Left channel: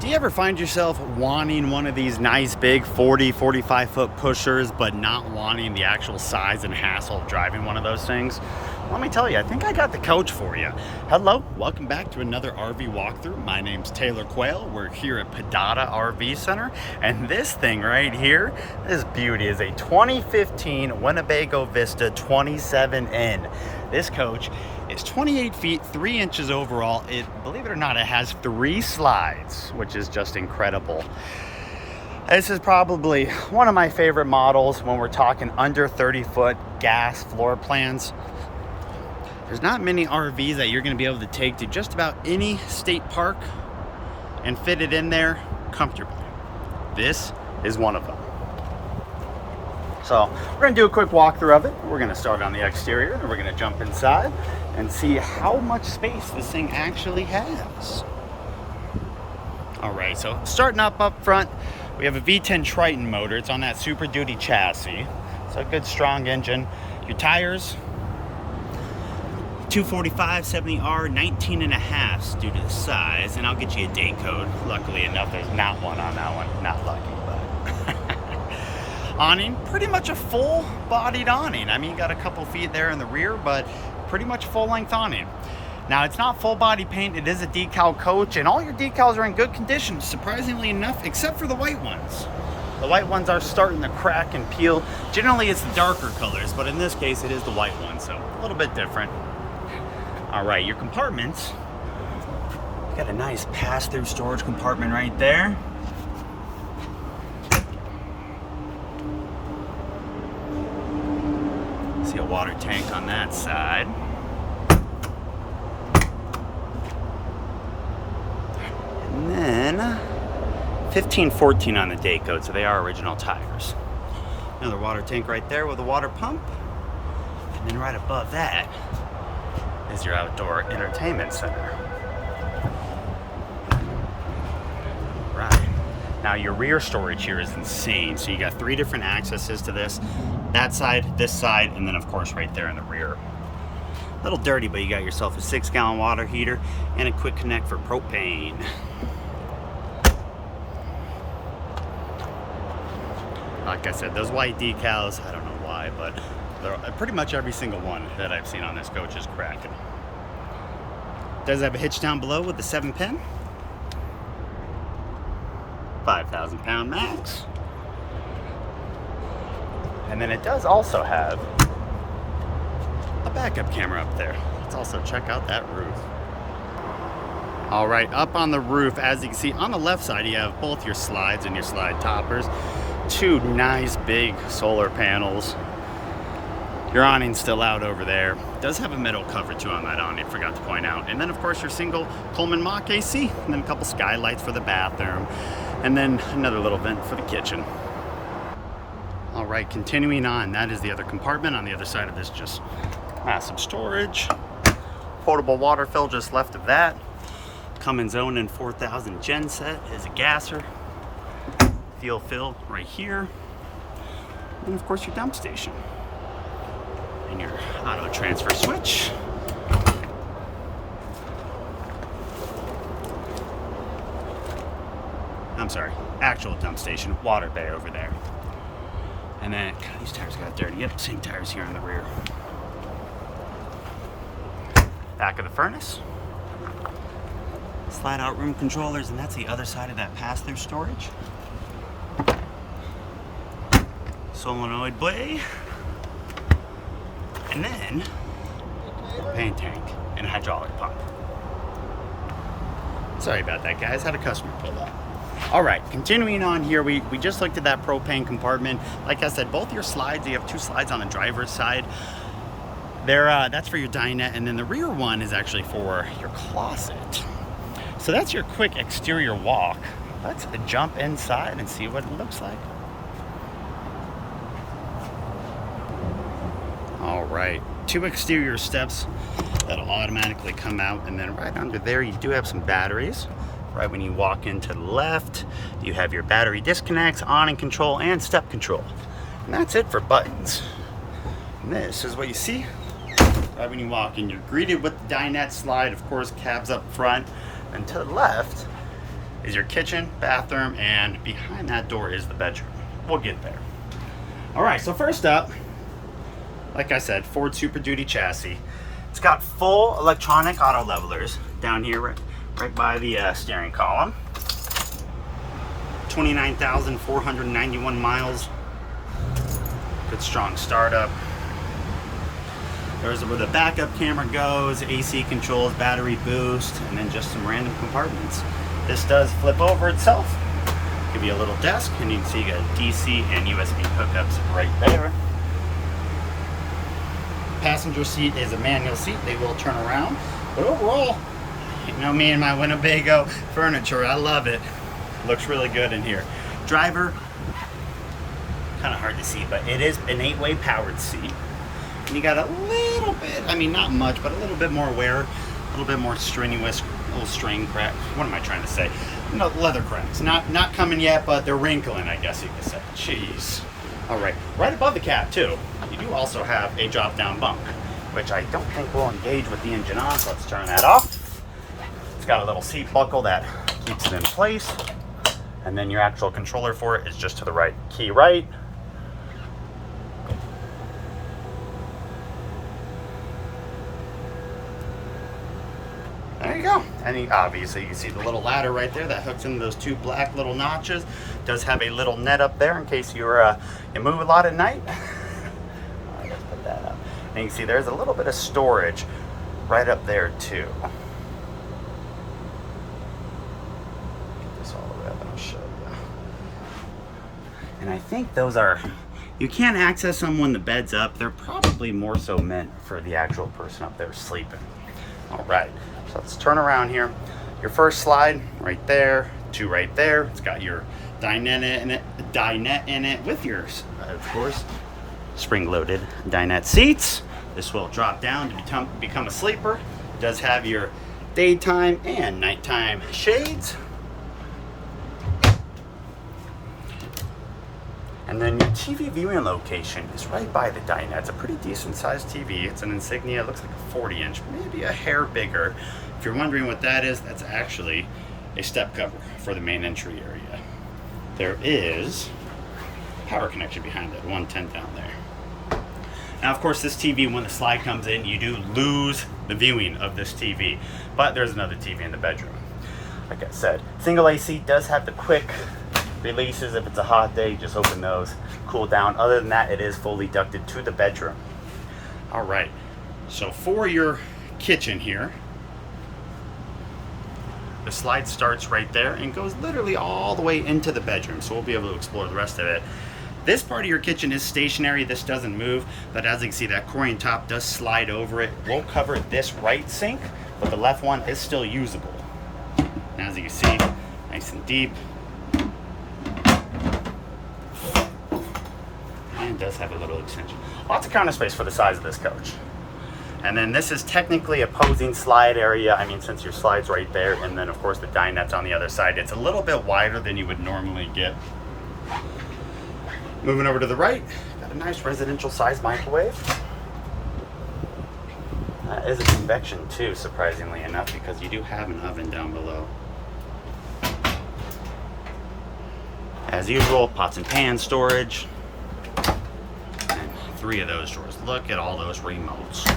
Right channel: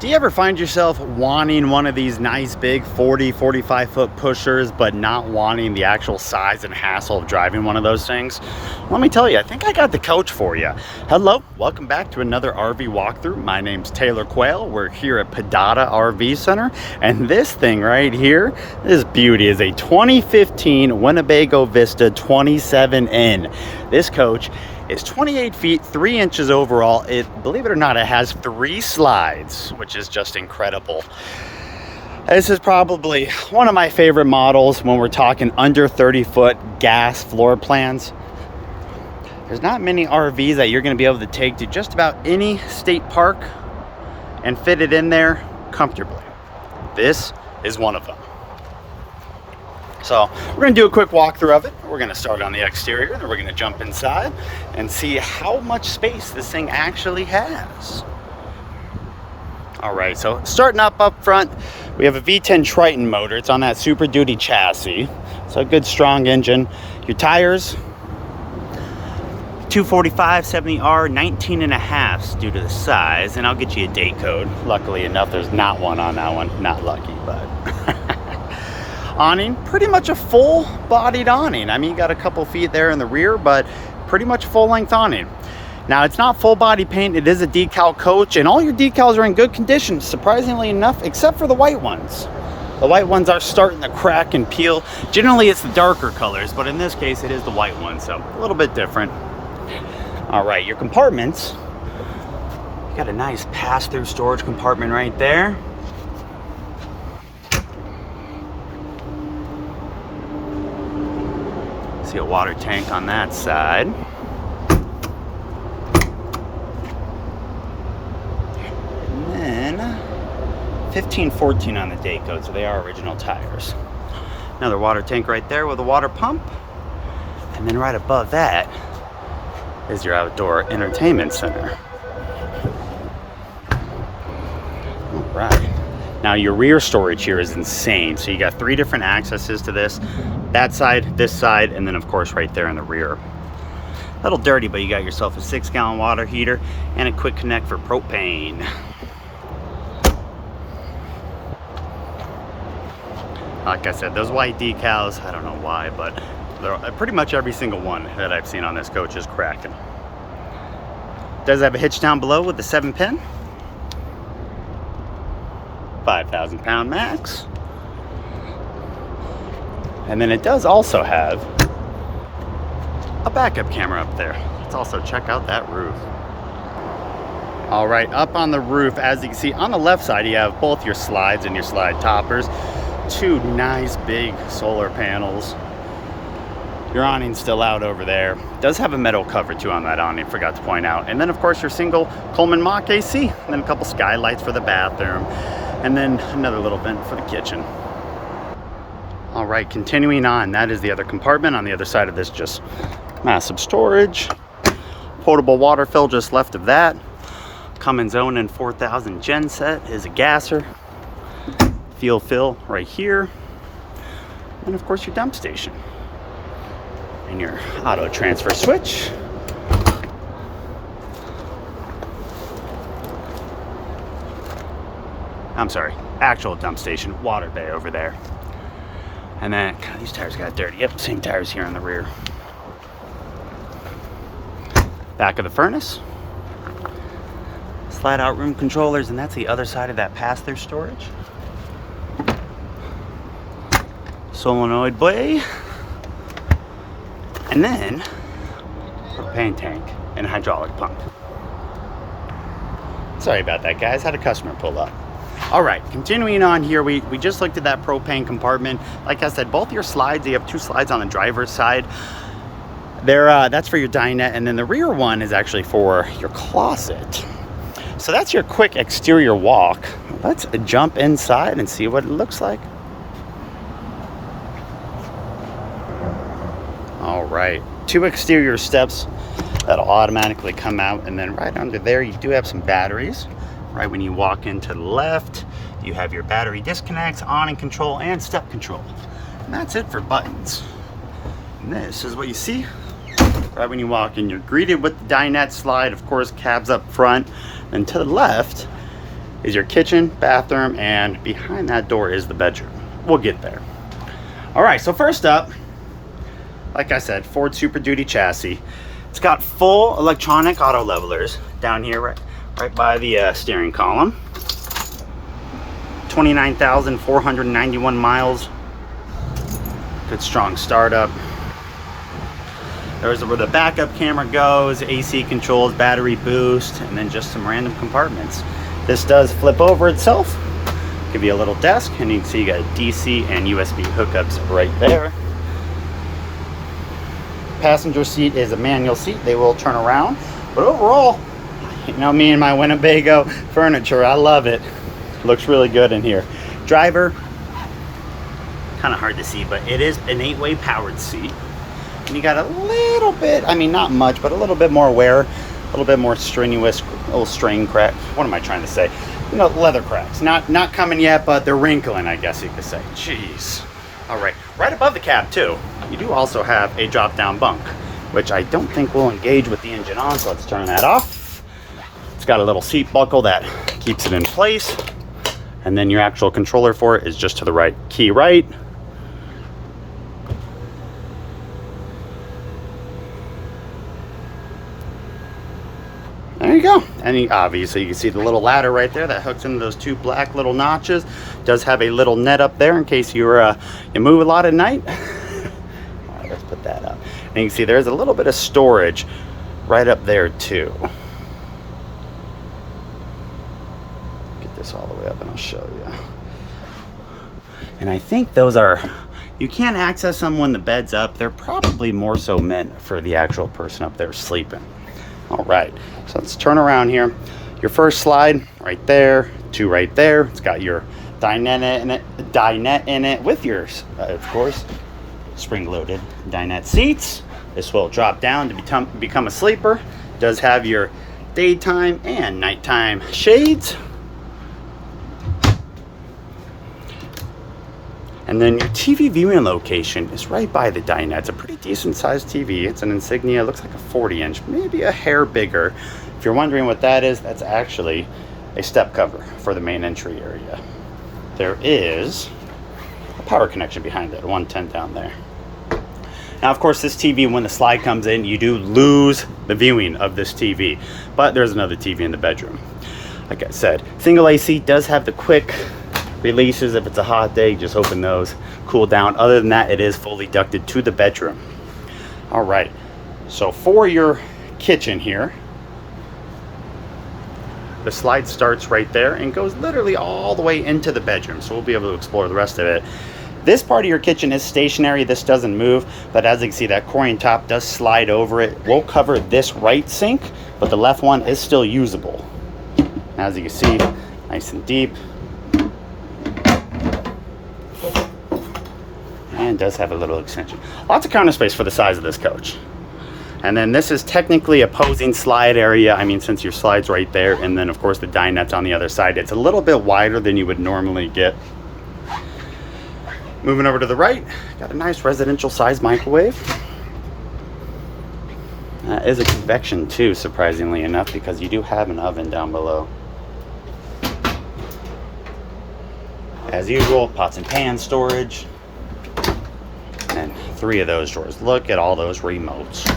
Do you ever find yourself wanting one of these nice big 45 foot pushers, but not wanting the actual size and hassle of driving one of those things? Let me tell you, I think I got the coach for you. Hello, welcome back to another RV walkthrough. My name's Taylor Quayle. We're here at Padada RV Center, and this thing right here, this beauty, is a 2015 Winnebago Vista 27N. This coach is 28 feet 3 inches overall. Believe it or not, it has 3 slides, which is just incredible. This is probably one of my favorite models when we're talking under 30 foot gas floor plans. There's not many RVs that you're going to be able to take to just about any state park and fit it in there comfortably. This is one of them. So we're going to do a quick walkthrough of it. We're going to start on the exterior, then we're going to jump inside and see how much space this thing actually has. All right, so starting up front, we have a V10 Triton motor. It's on that Super Duty chassis. So a good strong engine. Your tires, 245 70R, 19.5 due to the size, and I'll get you a date code. Luckily enough, there's not one on that one. Not lucky, but awning, pretty much a full-bodied awning. I mean, you got a couple feet there in the rear, but pretty much full-length awning. Now, it's not full-body paint. It is a decal coach, and all your decals are in good condition, surprisingly enough, except for the white ones. The white ones are starting to crack and peel. Generally, it's the darker colors, but in this case, it is the white one, so a little bit different. All right, your compartments. Got a nice pass-through storage compartment right there. See a water tank on that side. And then 1514 on the day code, so they are original tires. Another water tank right there with a water pump. And then right above that is your outdoor entertainment center. All right. Now your rear storage here is insane. So you got 3 different accesses to this. That side, this side, and then of course right there in the rear. A little dirty, but you got yourself a 6-gallon water heater and a quick connect for propane. Like I said, those white decals, I don't know why, but pretty much every single one that I've seen on this coach is cracking. Does have a hitch down below with the 7-pin. 5,000 pound max. And then it does also have a backup camera up there. Let's also check out that roof. All right, up on the roof, as you can see on the left side, you have both your slides and your slide toppers. 2 nice big solar panels. Your awning's still out over there. It does have a metal cover too on that awning, forgot to point out. And then of course your single Coleman Mach AC, and then a couple skylights for the bathroom, and then another little vent for the kitchen. All right, continuing on, that is the other compartment. On the other side of this, just massive storage. Potable water fill just left of that. Cummins Onan 4000 gen set is a gasser. Fuel fill right here. And of course your dump station. And your auto transfer switch. I'm sorry, actual dump station, water bay over there. And then, God, these tires got dirty. Yep, same tires here on the rear. Back of the furnace. Slide out room controllers, and that's the other side of that pass-through storage. Solenoid bay. And then a propane tank and a hydraulic pump. Sorry about that, guys. Had a customer pull up. All right, continuing on here, we just looked at that propane compartment. Like I said, both your slides, you have 2 slides on the driver's side. That's for your dinette, and then the rear one is actually for your closet. So that's your quick exterior walk. Let's jump inside and see what it looks like. All right, 2 exterior steps that'll automatically come out, and then right under there you do have some batteries. Right when you walk into the left, you have your battery disconnects, awning control, and step control. And that's it for buttons. And this is what you see right when you walk in. You're greeted with the dinette slide, of course, cabs up front. And to the left, is your kitchen, bathroom, and behind that door is the bedroom. We'll get there. All right, so first up, like I said, Ford Super Duty chassis. It's got full electronic auto levelers down here, right by the steering column. 29,491 miles. Good strong startup. There's where the backup camera goes, AC controls, battery boost, and then just some random compartments. This does flip over itself. Give you a little desk, and you can see you got DC and USB hookups right there. Passenger seat is a manual seat. They will turn around, but overall, you know me and my Winnebago furniture, I love it. Looks really good in here. Driver, kind of hard to see, but it is an 8-way powered seat. And you got a little bit, I mean not much, but a little bit more wear, a little bit more strenuous, little strain crack. What am I trying to say? You know, leather cracks. Not coming yet, but they're wrinkling, I guess you could say. Jeez. All right, right above the cab too, you do also have a drop-down bunk, which I don't think will engage with the engine on, so let's turn that off. It's got a little seat buckle that keeps it in place. And then your actual controller for it is just to the right. Key right. There you go. And obviously you can see the little ladder right there that hooks into those two black little notches. Does have a little net up there in case you move a lot at night. Let's put that up. And you can see there's a little bit of storage right up there too. Get this all the way up and I'll show you. And I think those are, you can't access them when the bed's up. They're probably more so meant for the actual person up there sleeping. All right, so let's turn around here. Your first slide right there, two right there. It's got your dinette in it with your, of course, spring-loaded dinette seats. This will drop down to become a sleeper. It does have your daytime and nighttime shades. And then your TV viewing location is right by the dinette. It's a pretty decent sized TV. It's an Insignia, it looks like a 40-inch, maybe a hair bigger. If you're wondering what that is, that's actually a step cover for the main entry area. There is a power connection behind it, a 110 down there. Now, of course, this TV, when the slide comes in, you do lose the viewing of this TV, but there's another TV in the bedroom. Like I said, single AC does have the quick releases. If it's a hot day, just open those, cool down. Other than that, it is fully ducted to the bedroom. All right, so for your kitchen here, the slide starts right there and goes literally all the way into the bedroom, so we'll be able to explore the rest of it. This part of your kitchen is stationary. This doesn't move, but as you can see, that Corian top does slide over it. We'll cover this right sink, but the left one is still usable. As you can see, nice and deep. And does have a little extension. Lots of counter space for the size of this coach. And then this is technically a posing slide area. I mean, since your slide's right there, and then of course the dinette's on the other side, it's a little bit wider than you would normally get. Moving over to the right, got a nice residential size microwave. That is a convection too, surprisingly enough, because you do have an oven down below. As usual, pots and pans storage. And 3 of those drawers. Look at all those remotes.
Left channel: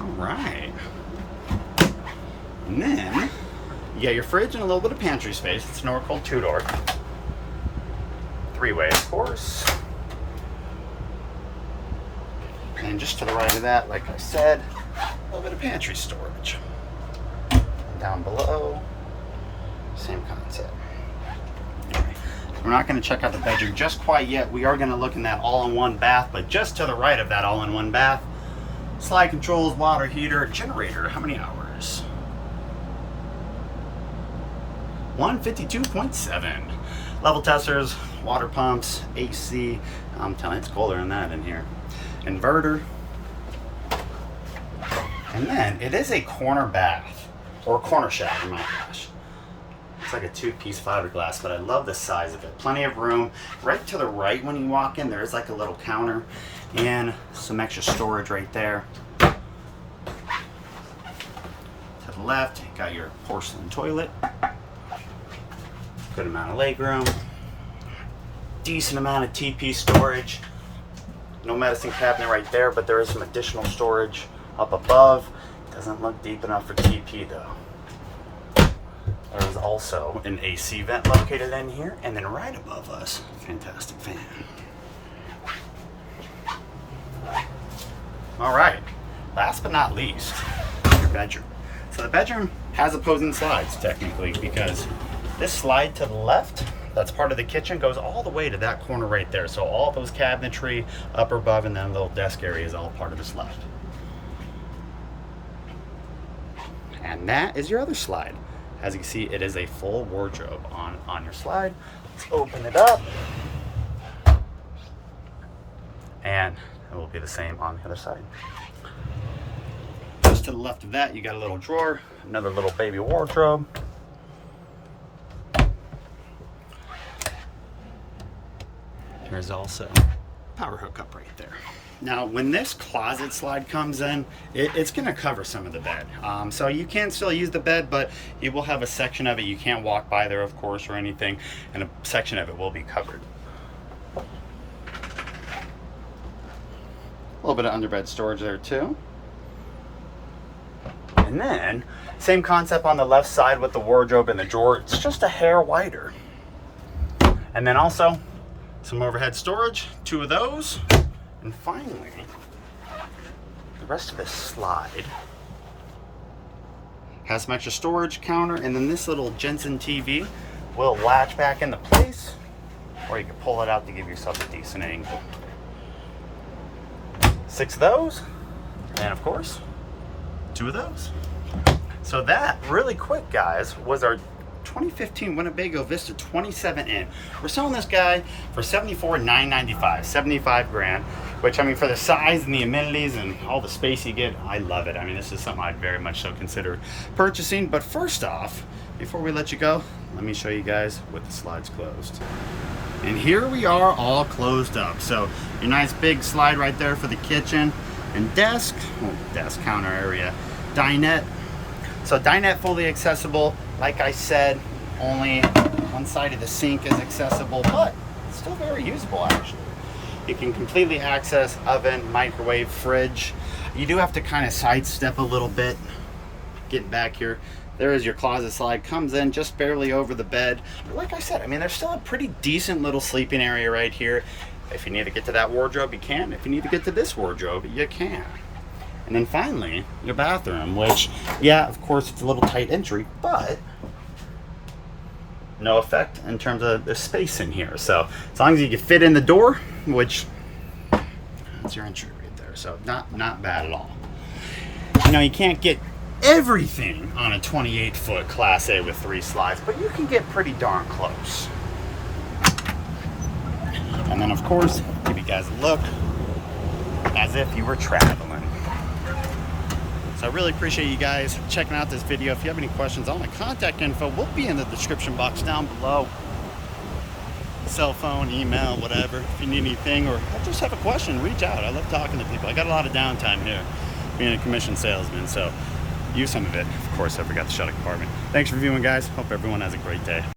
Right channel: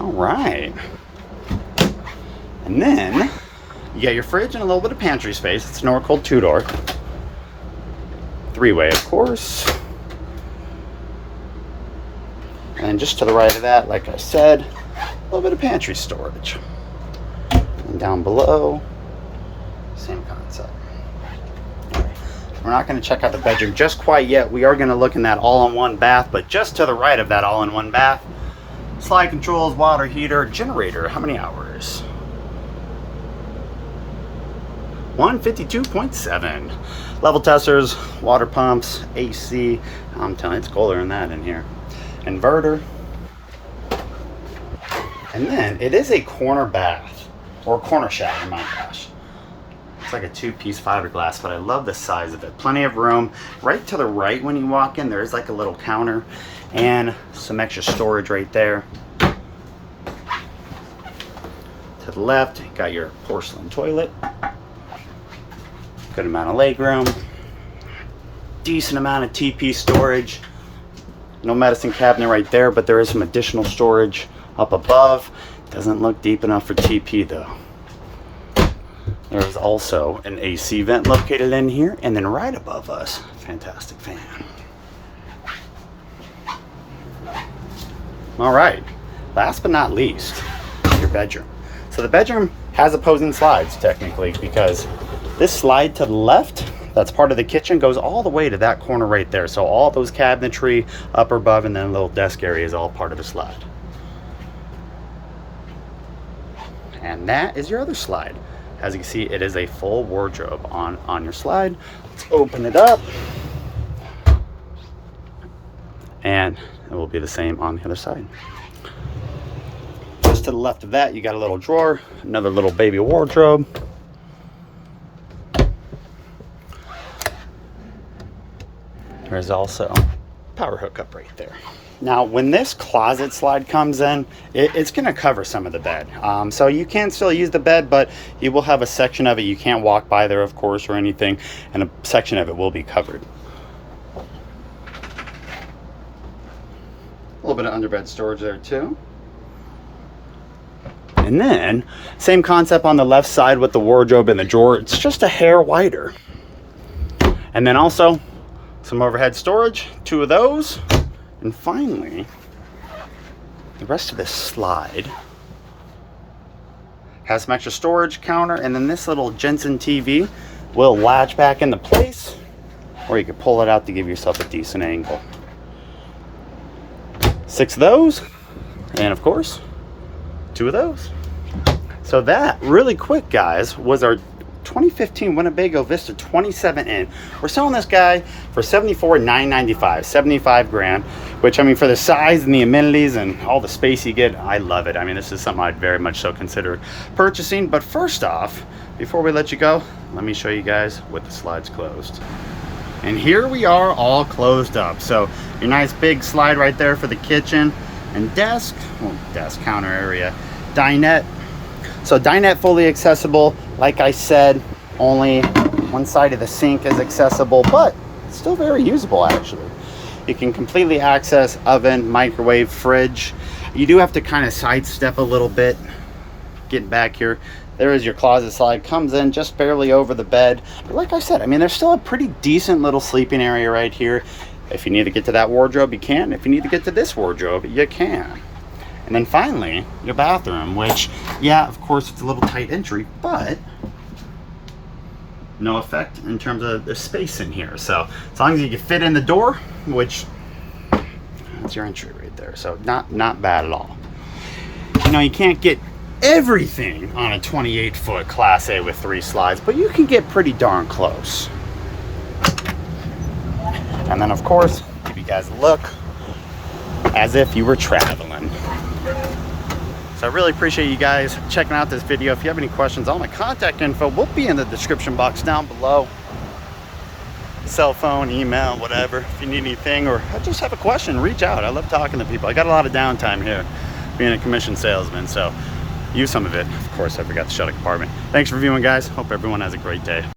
All right. And then you got your fridge and a little bit of pantry space. It's an Norcold 2-door. 3-way, of course. And just to the right of that, like I said, a little bit of pantry storage. And down below, same concept. All right. We're not going to check out the bedroom just quite yet. We are going to look in that all-in-one bath, but just to the right of that all-in-one bath, slide controls, water heater, generator. How many hours? 152.7. Level testers, water pumps, AC. I'm telling you, it's colder than that in here. Inverter. And then it is a corner bath, or corner shower, my gosh. It's like a 2-piece fiberglass, but I love the size of it. Plenty of room. Right to the right when you walk in, there's like a little counter and some extra storage right there. To the left, got your porcelain toilet. Good amount of legroom. Decent amount of TP storage. No medicine cabinet right there, but there is some additional storage up above. Doesn't look deep enough for TP though. There is also an AC vent located in here, and then right above us, fantastic fan. All right, last but not least, your bedroom. So the bedroom has opposing slides technically, because this slide to the left, that's part of the kitchen, goes all the way to that corner right there. So all those cabinetry up above and then a little desk area is all part of the slide. And that is your other slide. As you can see, it is a full wardrobe on your slide. Let's open it up. And it will be the same on the other side. Just to the left of that, you got a little drawer, another little baby wardrobe. There's also power hookup right there. Now, when this closet slide comes in, it's gonna cover some of the bed. So you can still use the bed, but you will have a section of it. You can't walk by there, of course, or anything, and a section of it will be covered. A little bit of underbed storage there too. And then, same concept on the left side with the wardrobe and the drawer. It's just a hair wider. And then also, some overhead storage, 2 of those. And finally, the rest of this slide has some extra storage counter, and then this little Jensen TV will latch back into place, or you can pull it out to give yourself a decent angle. 6 of those, and of course, 2 of those. So that, really quick guys, was our 2015 Winnebago Vista 27N. We're selling this guy for $74,995, 75 grand, which I mean, for the size and the amenities and all the space you get, I love it. I mean, this is something I'd very much so consider purchasing. But first off, before we let you go, let me show you guys with the slides closed. And here we are all closed up. So your nice big slide right there for the kitchen and desk, well, desk counter area, dinette. So dinette fully accessible. Like I said, only one side of the sink is accessible, but still very usable actually. You can completely access oven, microwave, fridge. You do have to kind of sidestep a little bit. Getting back here, there is your closet slide, comes in just barely over the bed. But like I said, I mean, there's still a pretty decent little sleeping area right here. If you need to get to that wardrobe, you can. If you need to get to this wardrobe, you can. And then finally, your bathroom, which, yeah, of course, it's a little tight entry, but no effect in terms of the space in here. So as long as you can fit in the door, which that's your entry right there. So not bad at all. You know, you can't get everything on a 28-foot Class A with 3 slides, but you can get pretty darn close. And then, of course, give you guys a look as if you were traveling. So I really appreciate you guys checking out this video. If you have any questions, all my contact info will be in the description box down below. Cell phone, email, whatever. If you need anything or just have a question, reach out. I love talking to people. I got a lot of downtime here being a commission salesman, so use some of it. Of course, I forgot the shut compartment. Thanks for viewing, guys. Hope everyone has a great day.